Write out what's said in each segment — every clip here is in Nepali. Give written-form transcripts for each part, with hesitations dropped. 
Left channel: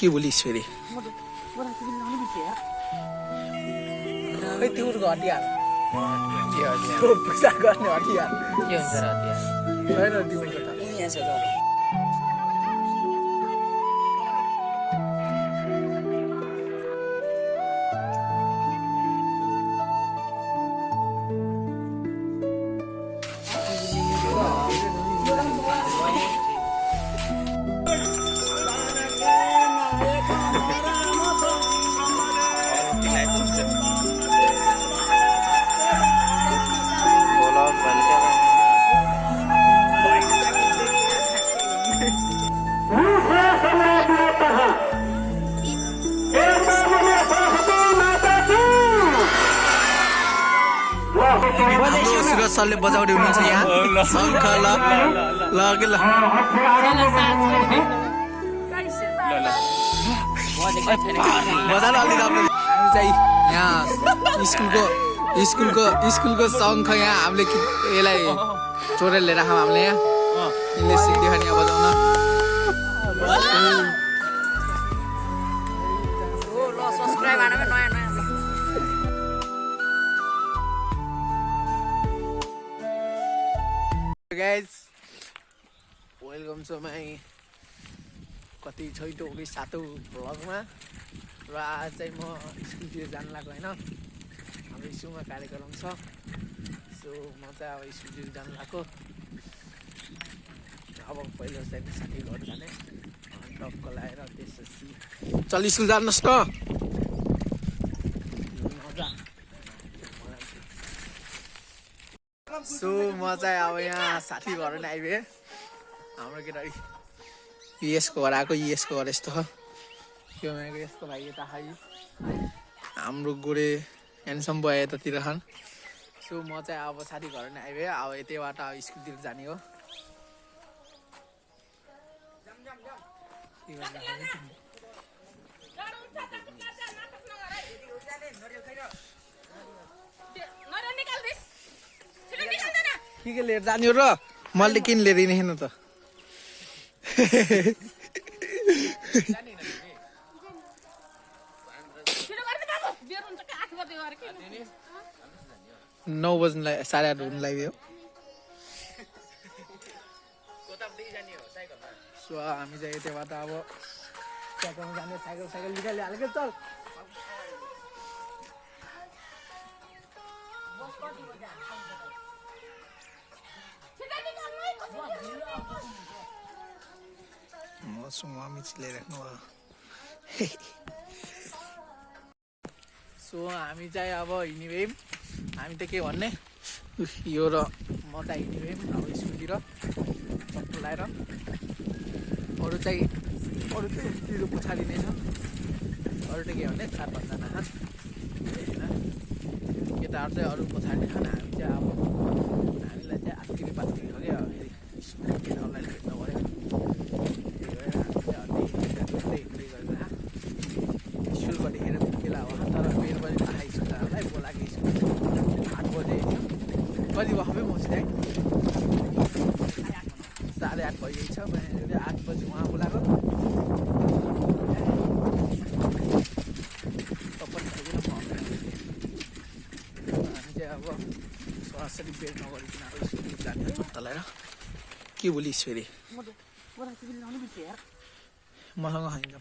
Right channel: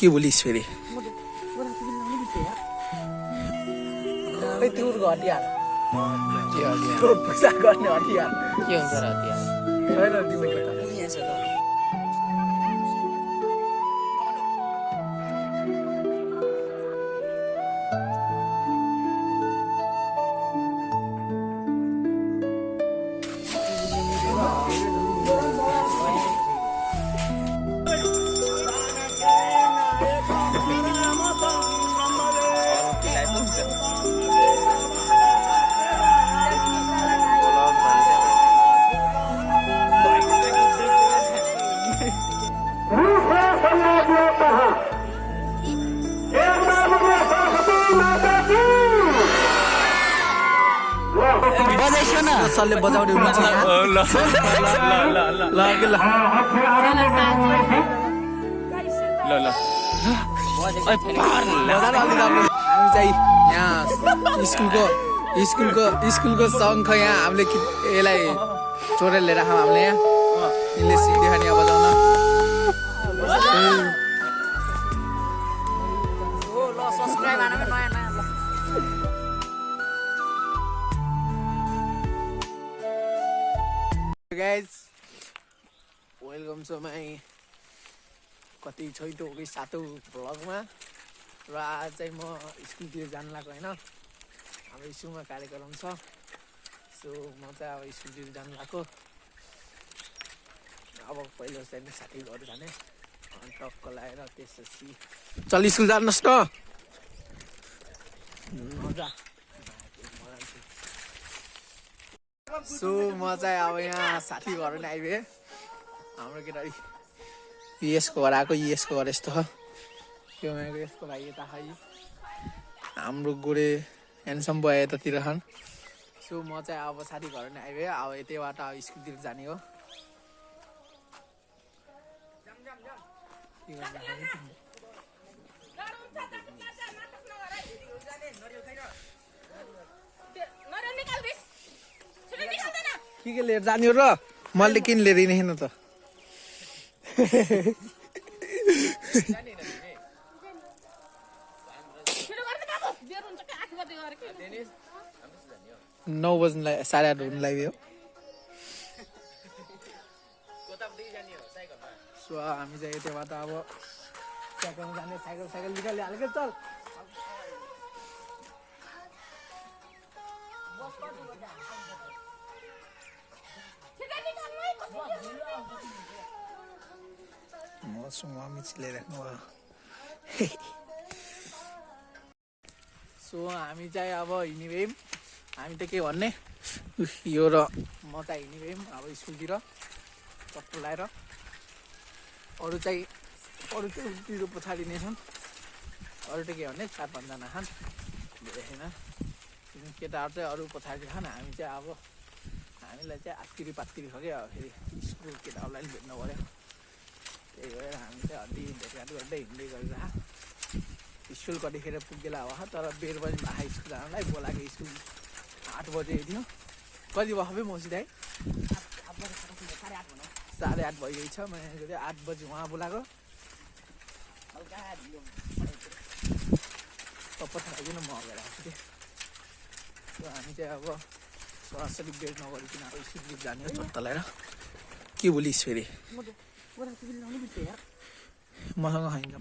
के बोलिस् फेरि खै तिम्रो हतियार पूजा गर्ने हतियार के हुन्छ र हतियार छैन तिम्रो त यहाँ छ त सरले बजाउँदै हुनुहुन्छ यहाँ शङ्ख ल ल के ल बजाएर अलि राम्रो हामी चाहिँ यहाँ स्कुलको शङ्ख यहाँ हामीले यसलाई चोरेर लिएर आएको हामीले यहाँ यिनले सिक्दै खाने यहाँ बजाउन guys, welcome to my कति छैटौँ कि सातौँ भ्लगमा र आज चाहिँ म स्कुलतिर जानु लाग्यो होइन हाम्रो स्कुलमा कार्यक्रम छ सो म चाहिँ अब स्कुलतिर जानु लाग्यो अब पहिलो चाहिँ साथी घर जाने टक्क लगाएर त्यसपछि चल स्कुल जानुहोस् न सो म चाहिँ अब यहाँ साथी घर पनि आइपुगेँ हाम्रो केटा युएसको घर आएको युएसको घर यस्तो त्यो यसको भाइ यता खाइ हाम्रो गोरे ह्यान्डसम भयो यतातिर खान सो म चाहिँ अब साथी घर पनि आइपुगेँ अब यतैबाट अब स्कुलतिर जाने हो के लिएर जाने हो र मैले किन लिएर हिँड्नु त नौ बज्नुलाई 8:30 हुनु लाग्यो सो हामी चाहिँ यतैबाट अब ट्याक्टरमा जाने साइकल निकालिहाल्यो चल मसँग मिचले राख्नु सो हामी चाहिँ अब हिँडिभयौँ हामी त के भन्ने यो र म चाहिँ हिँडिभयौँ अब स्कुलतिर चट्टो लगाएर अरू चाहिँ उतिर पछाडि नै छन् अरू चाहिँ के भन्ने 4-5 जना छन् होइन केटाहरू चाहिँ अरू पछाडि छन् हामी चाहिँ अब हामीलाई चाहिँ आत्तिरी पात्तिरी हो क्या अब फेरि स्कुल केटाहरूलाई भेट्नु पऱ्यो त्यही भएर हामी चाहिँ अलि हिँड्दै गरेर स्कुल कतिखेर पुग्ला हो तर 12 बजी आए स्कुल जानलाई बोलाएको स्कुल 8 बजे हिँड्यो कति बखबै पहुँच्दै 8:30 भइगएछ मैले 8 बजी उहाँ बोलाएको सबै खाइकन म हामी चाहिँ अब सरासरी बेड नगरिकन अब स्कुल जाने तलाएर के बोलिस् फेरि मसँग होइन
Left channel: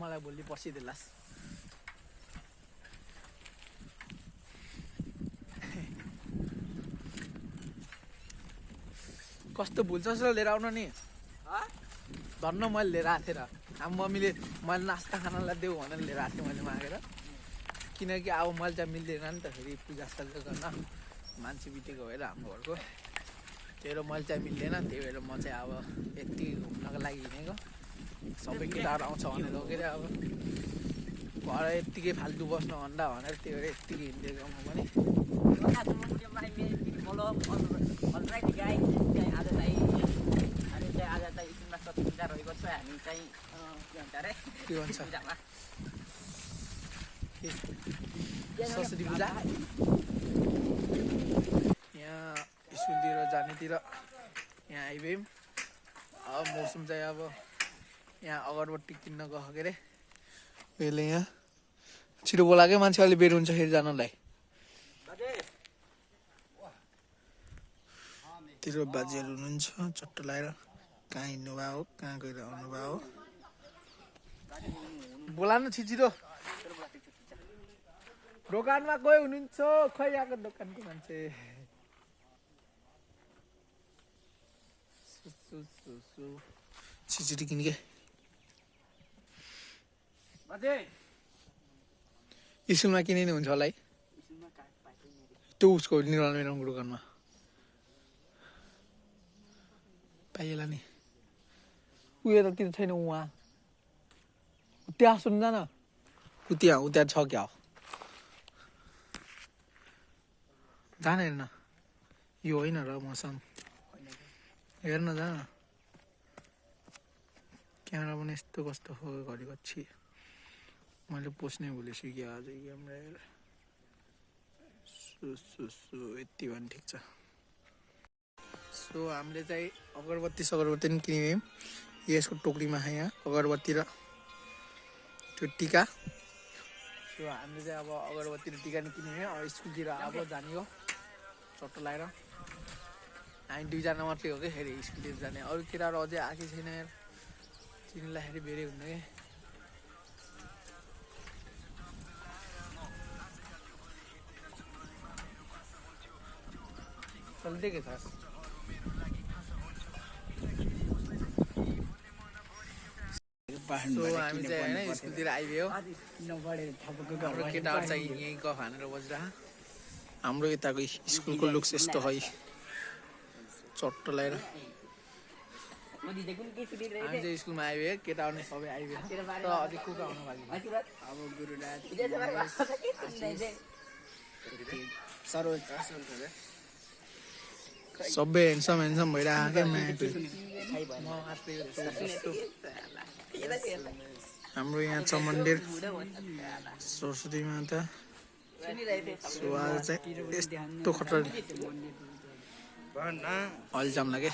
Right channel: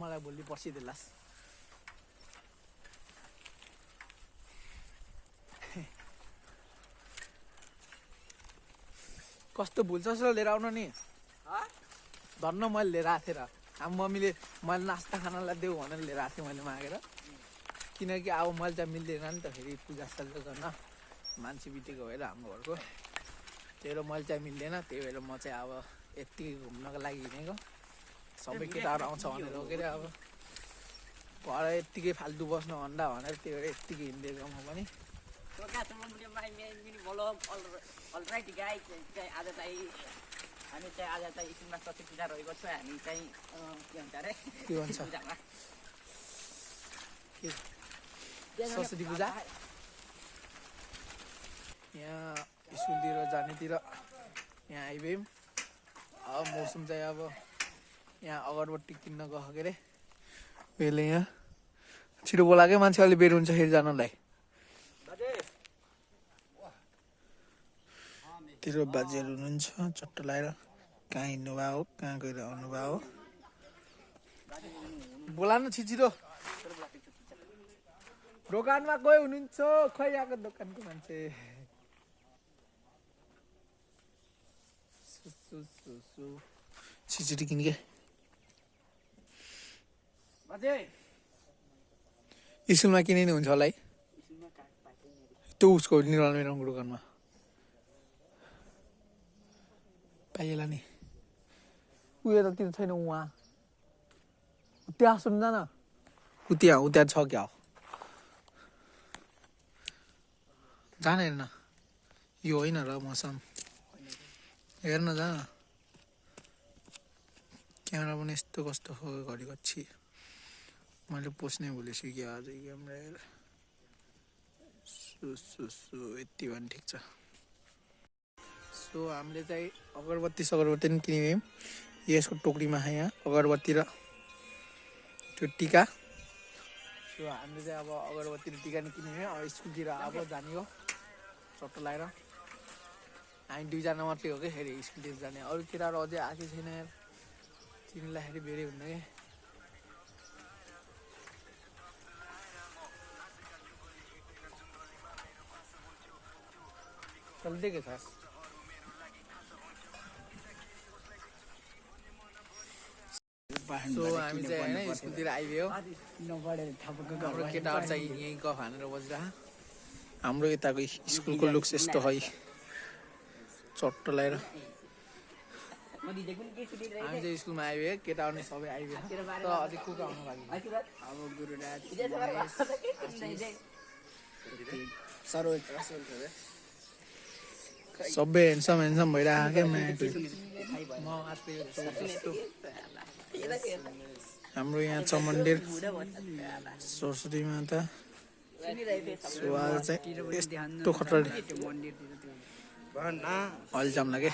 मलाई भोलि पर्सिदेलास् कस्तो भुल्छ जस्तो लिएर आउनु नि धन्न मैले लिएर आएको थिएँ र अब मम्मीले मैले नास्ता खानालाई देऊ भनेर लिएर आएको थिएँ मैले मागेर किनकि अब मैले चाहिँ मिल्दैन नि त फेरि पूजासाजा गर्न मान्छे बितेको भएर हाम्रो घरको त्यही भएर मैले चाहिँ मिल्दैन त्यही भएर म चाहिँ अब यति घुम्नको लागि हिँडेको सबै केटाहरू आउँछ भनेर के अरे अब घर यत्तिकै फाल्तु बस्नु भन्दा भनेर त्यही भएर यत्तिकै हिँडिदिएको म पनि रहेको छ हामी चाहिँ के भन्छ सरस्वती पूजा यहाँ स्कुलतिर जानेतिर यहाँ आइभयौँ अब मौसम चाहिँ अब यहाँ अगरबत्ती किन्न गयो के अरे यसले यहाँ छिटो बोलाएकै मान्छे अलि बेर हुन्छ फेरि जानलाई तेरो बाजेहरू हुनुहुन्छ चट्ट लगाएर कहाँ हिँड्नुभयो हो कहाँ गएर आउनुभयो हो बोला न छिटो दोकानमा गयो हुनुहुन्छ खै आएको दोकानको मान्छे छिटो किनके स्कुलमा किने हुन्छ होला है त्यो उसको निर्मल मेरोको दोकानमा पाइएला नि उयो त त्यो छैन उहाँ त्यहाँ सुन्दैन त्यहाँ छ क्या जान हेर्न यो होइन र मौसम हेर्न जान क्यामेरा पनि यस्तो कस्तो हो घरि पछि मैले पोस्नै भुलेछु कि आज क्यामेरा यति भने ठिक छ सो हामीले चाहिँ अगरबत्ती पनि किन्यौँ यसको टोकरीमा छ यहाँ अगरबत्ती र त्यो टिका सो हामीले चाहिँ अब अगरबत्ती र टिका नि किन्यौँ अब स्कुलतिर अब जाने हो चट्टो लगाएर हामी दुईजना मात्रै हो कि फेरि स्कुलतिर जाने अरू केटाहरू अझै आएकै छैन यार तिनीलाई फेरि बेरै हुन्न कि चल्दै के छ सो हामी चाहिँ होइन स्कुलतिर आइगयो हाम्रो केटाहरू चाहिँ यहीँ गफ हानेर बसिरह हाम्रो यताको स्कुलको लुक्स यस्तो है चट्ट लगाएर हामी चाहिँ स्कुलमा आइगयो केटाहरू नै सबै आइगयो तर अझै को आउनु बाँकी अब गुरुराज सबै हेन्सम भइरहेको हाम्रो यहाँ छ मन्दिर सरस्वती माता सो आज चाहिँ यस्तो खतरा हलजाम लाग्यो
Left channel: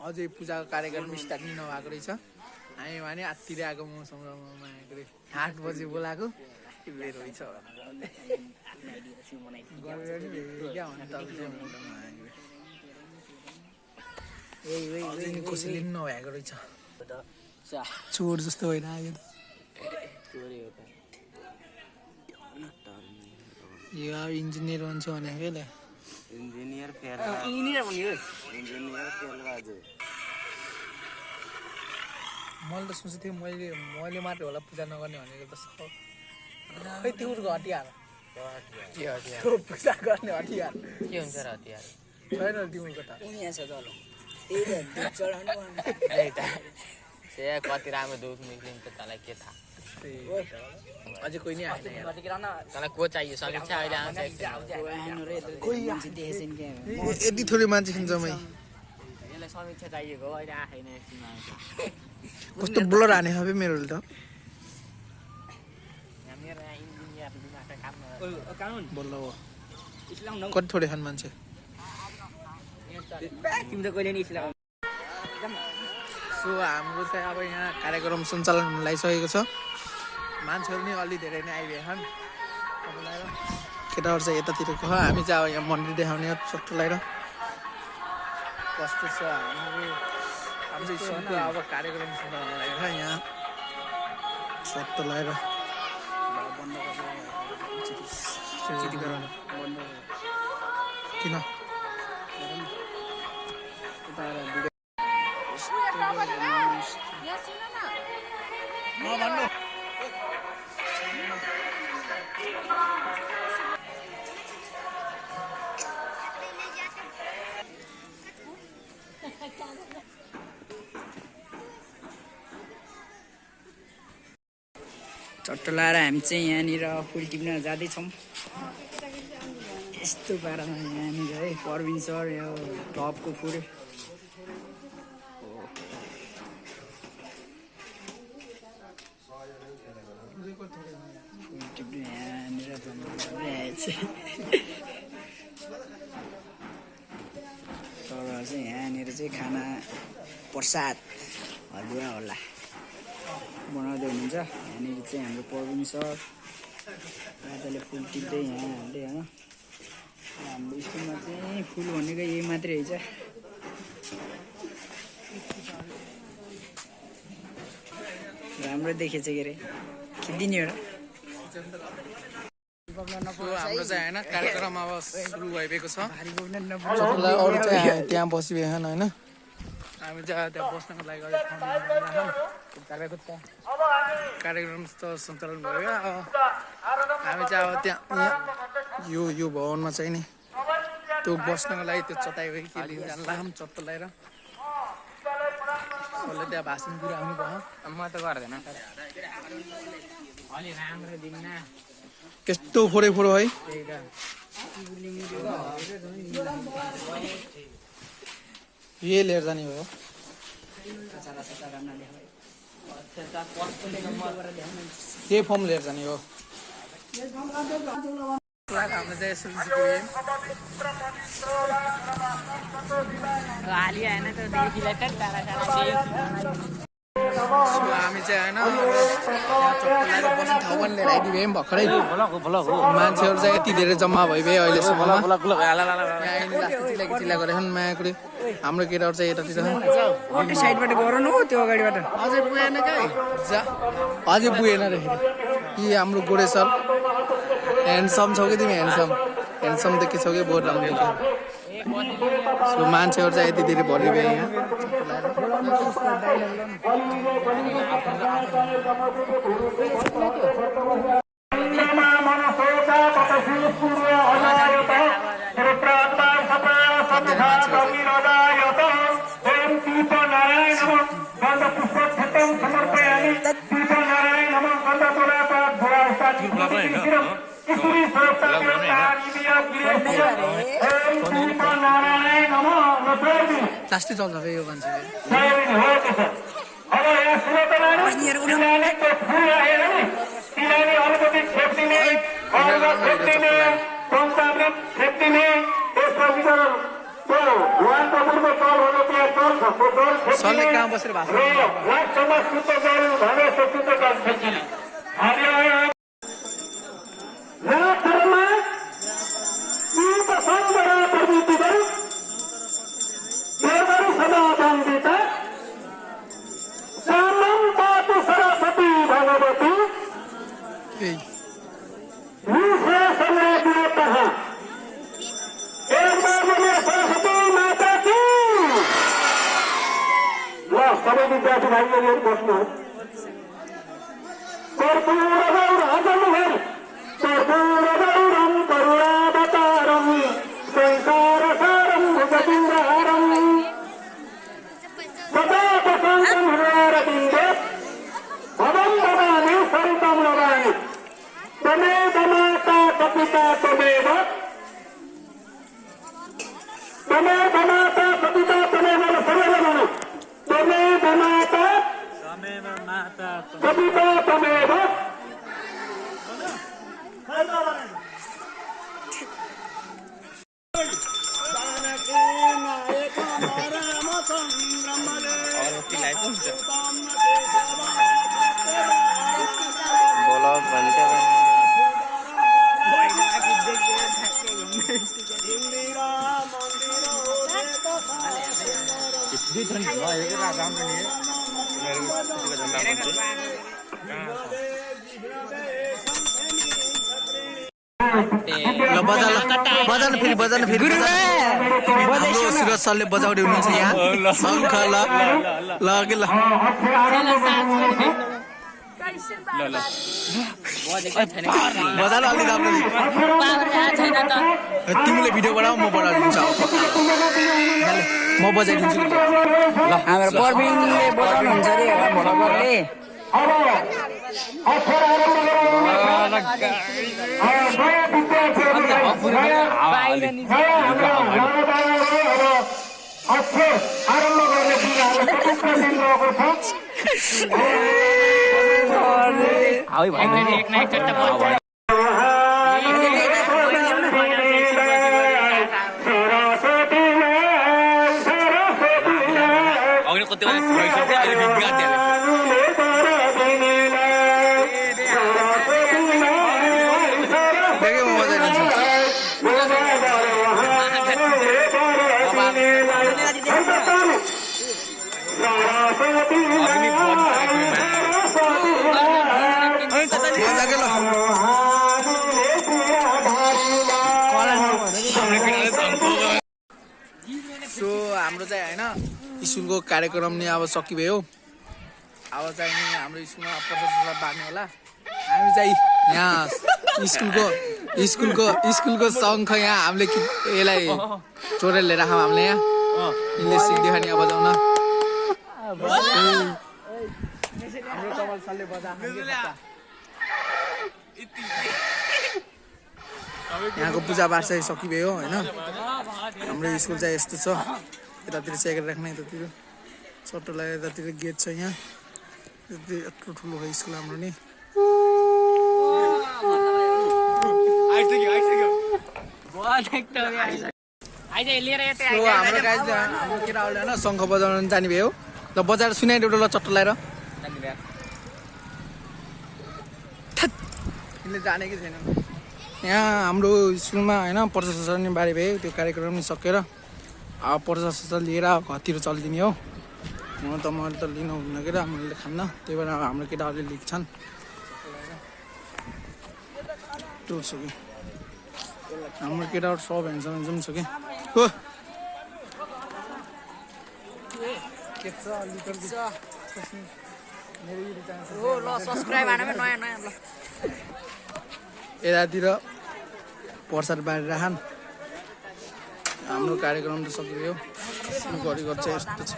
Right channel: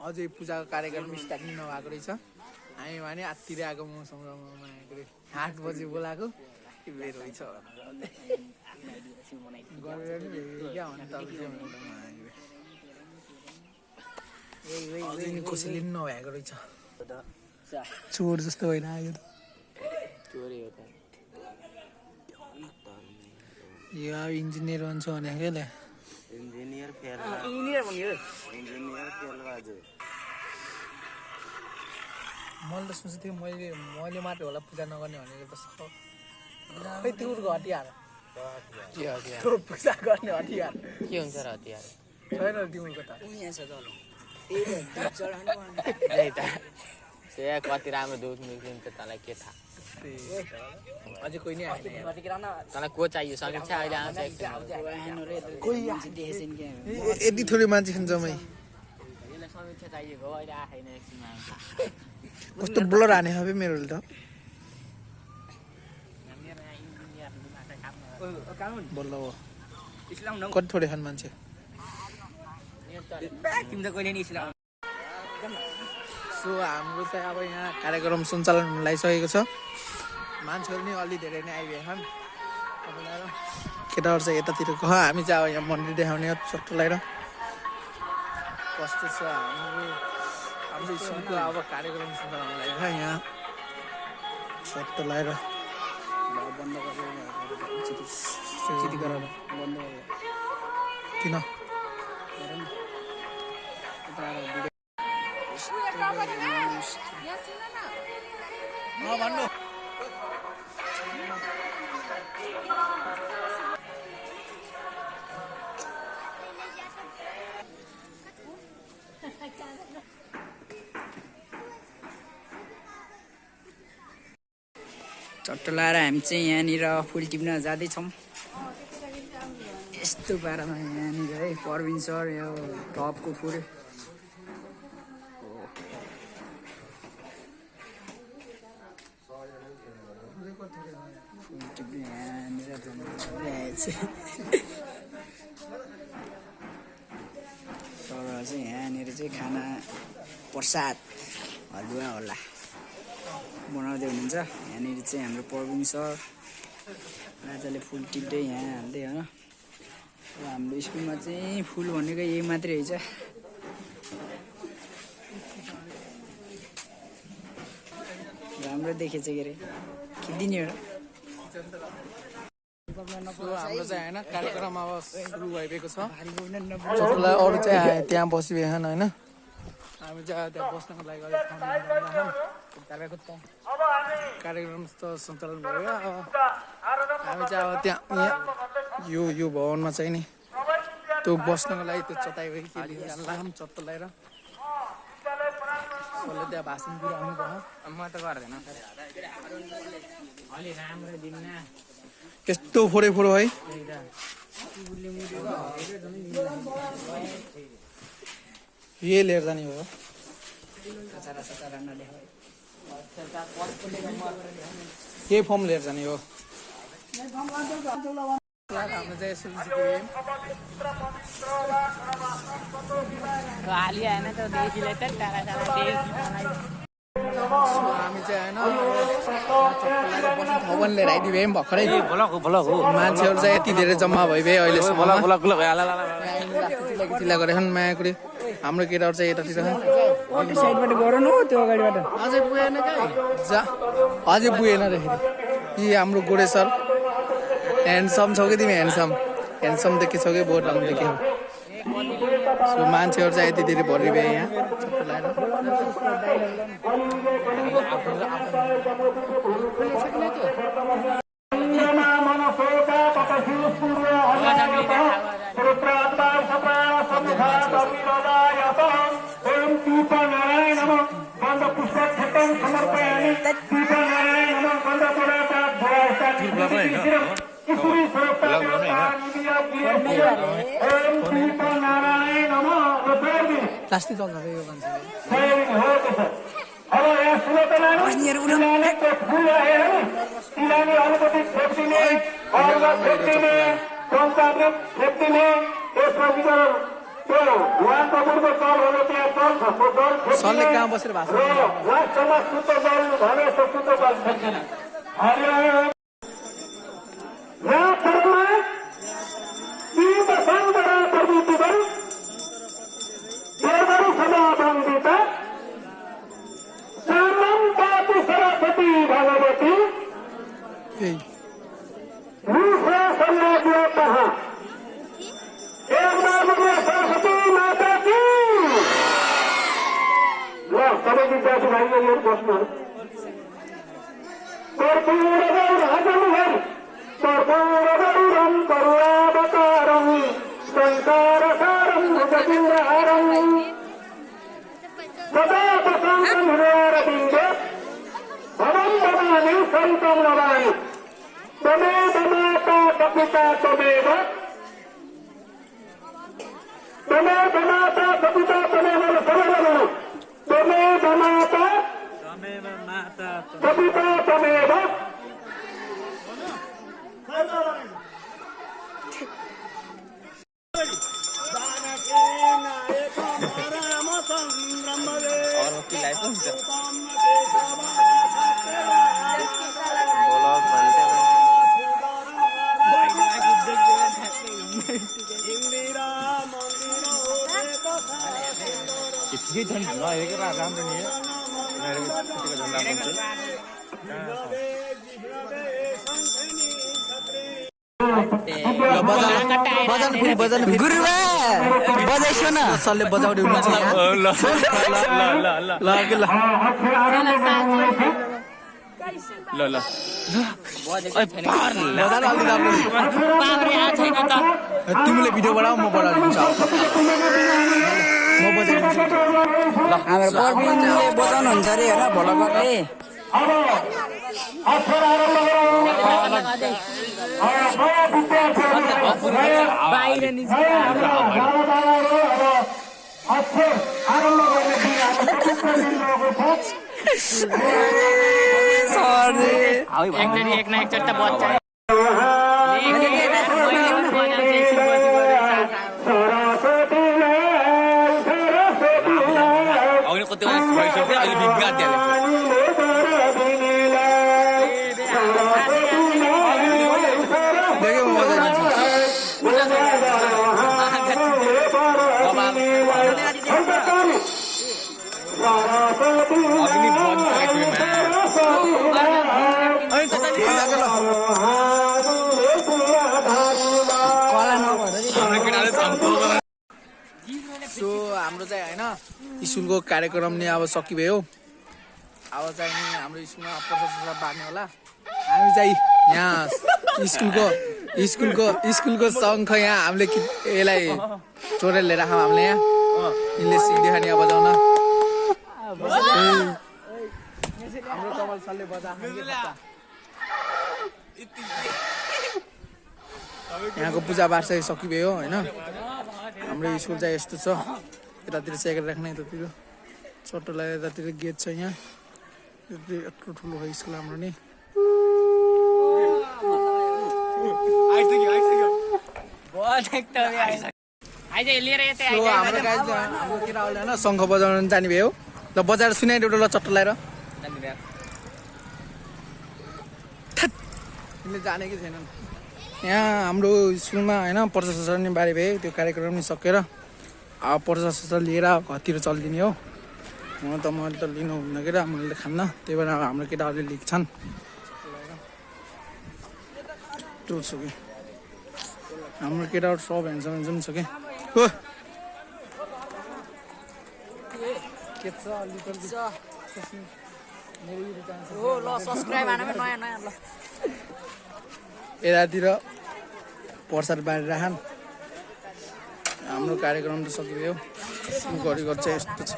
अझै पूजाको कार्यक्रम स्टार्ट नै नभएको रहेछ हामी भने आत्तिर आएको मौसममा आएको रे 8 बजे बोलाएको बेर रहेछ कसैले पनि नभएको रहेछ चोर जस्तो होइन आयो यो अब इन्जिनियर भन्छ भनेको क्या मैले त सोचेको थिएँ मैले मात्रै होला पूजा नगर्ने भनेको त खै तिम्रो हतियार पूजा गर्ने हतियार के हुन्छ र हतियार छैन तिम्रो त कति राम्रो दुध निक्लिन्छ तँलाई के थाहा अझै कोही नै आएन तँलाई को चाहियो समीक्षा अहिले आउँछ यति थोरै मान्छे छ जम्मै यसलाई समीक्षा चाहिएको हो अहिले आएन कस्तो ब्लर हाने হবে मेरो त बल्ल हो कति थोरै छन् मान्छे सो हाम्रो चाहिँ अब यहाँ कार्यक्रम सञ्चालन हुन लागिसकेको छ मान्छेहरू नै अलि धेरै नै आइभए छन् केटाहरू चाहिँ यतातिरको हामी चाहिँ अब यहाँ मन्दिर देखाउने चट्ट लगाएर कस्तो छ हाम्रो स्कुलको अब कार्यक्रम सञ्चालन लाग्यो यहाँ चट्ट लगाएर किन भन्नु चट्ट लाएर हामी चाहिँ यहाँनिर फुल टिप्न जाँदैछौँ यस्तो पारामा यहाँनिर है परविन सर यो टपको फुल टिप्ने यहाँनिर जम्मा गर्दै आएछ तर चाहिँ यहाँनिर चाहिँ खाना प्रसाद हलुवा होला बनाउँदै हुनुहुन्छ। यहाँनिर चाहिँ हाम्रो प्रवीण सर राजाले फुल टिप्दै यहाँ हाल्दै हो। हाम्रो स्कुलमा चाहिँ फुल भनेको यही मात्रै रहेछ। राम्रो देखेछ के अरे खिचिदिने एउटा। हाम्रो चाहिँ होइन कार्यक्रम अब सुरु भइरहेको छ। जसलाई अरू चाहिँ त्यहाँ बसिरहेछन् होइन। हामी चाहिँ त्यहाँ बस्नको लागि अलिक ठाउँ कार्यक्रम त सञ्चालन भयो। अब हामी चाहिँ अब त्यहाँ यो भवनमा चाहिँ नि त्यो बस्नको लागि त्यो चटाइ भयो के लिन्छ लाम चट्ट लगाएर कसले त्यहाँ भाषण दिइरहनु भयो। म त गर्दैन अलि राम्रो दिन्न यस्तो फोरै फोरो है। यही लिएर जाने भयो। यही फर्म लिएर जाने हो। हाम्रो चाहिँ अलि आएन त देखिलाई त हामी चाहिँ होइन बस्ने ठाउँ पनि लिएर आइदियो है भर्खरै। मान्छेहरू चाहिँ यति धेरै जम्मा भइभयो अहिलेसम्म। चिल्ला गरेको छन् मायाकुले। हाम्रो केटाहरू चाहिँ यतातिर अटो साइडबाट गरौँ न त्यो अगाडिबाट। अझै पुगेन अझै पुगेन रे। कि हाम्रो गोडे सर ह्यान्डसम छौ कि तिमी? ह्यान्डसम देखिसौ कि बहुत राम्रो देखियो। सो मान्छेहरू चाहिँ यति धेरै भरिभयो यहाँ। लास्टै चल्छ फेरि यो मान्छे। सरले कहाँ बसेर भाषण बजान फेरि सरले बजाउँदै हुनुहुन्छ यहाँ। शङ्ख ल ल के ल बजान अलि राम्रो। तिमीले भिडियो बनाऊ म बनाइदिन्छु अब पक्का। म बजाइदिन्छु। हाम्रो प्रवीणले बजाउनुहुन्छ अरे होला भोलकरले। मजाको ल सो हाम्रो चाहिँ होइन स्कुलको कार्यक्रम नि अब सकिभयो अब चाहिँ नि हाम्रो स्कुलमा प्रसाद बाँड्ने होला हामी चाहिँ यहाँ स्कुलको शङ्ख यहाँ हामीले यसलाई चोरेर लिएर आएको हामीले यहाँ यिनले सिक्दियो नि अब बजाउन हाम्रो कमल सरले बजा यहाँको पूजापाठ चाहिँ सकिभयो होइन हाम्रो स्कुल चाहिँ यस्तो छ यतातिर चेकेर राख्ने यतातिर चट्टो लगाएर यतातिर गेट छ यहाँ यत्रो ठुलो हो स्कुल हाम्रो नि हाम्रो केटाहरूले होइन शङ्ख बजाउन जाने भयो ल बजाएर सुनाइदियो ल चट्टो लगाएर यसले जाने कि छैन यहाँ हाम्रो स्कुलमा होइन प्रजाशोषण नि बारे भयो त्यो कार्यक्रम नि सकेर अब प्रजाशोषण लिएर घरतिर चलिदिने हो मैले त लिनु हुन्न के मैले खान्न त्यही भएर हाम्रो केटाहरूले लिन्छन् त्यो छ कि हाम्रो केटाहरू सब हेन्सम छ कि हो यतातिर प्रसाद बाँडेर राखन् हाम्रो कार्यक्रम त सकियो गरेको चाहिँ यस्तो छ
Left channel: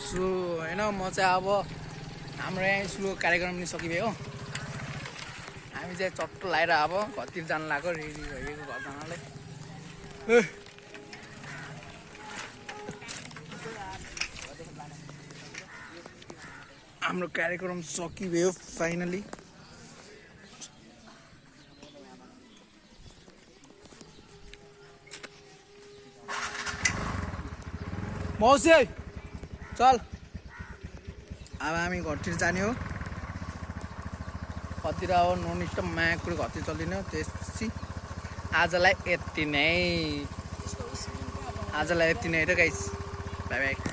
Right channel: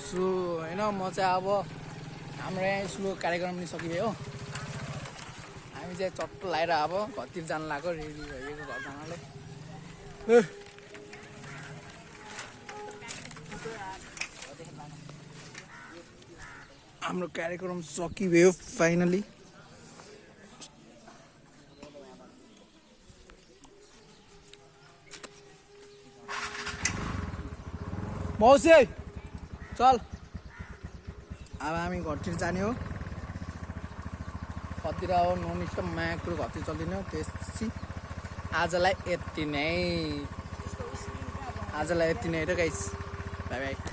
सो होइन म चाहिँ अब हाम्रो यहाँ स्कुलको कार्यक्रम नि सकियो हामी चाहिँ चट्टो लगाएर अब घरतिर जानु लाग्यो रेडी भइदिएको घर जानलाई हाम्रो कार्यक्रम सकियो फाइनली मौसी चल अब हामी घरतिर जाने हो घरतिर अब नोनिस्ट माया कुरो घरतिर चलिदिने हो त्यसपछि आजलाई यति नै त गाइस बाइ बाइ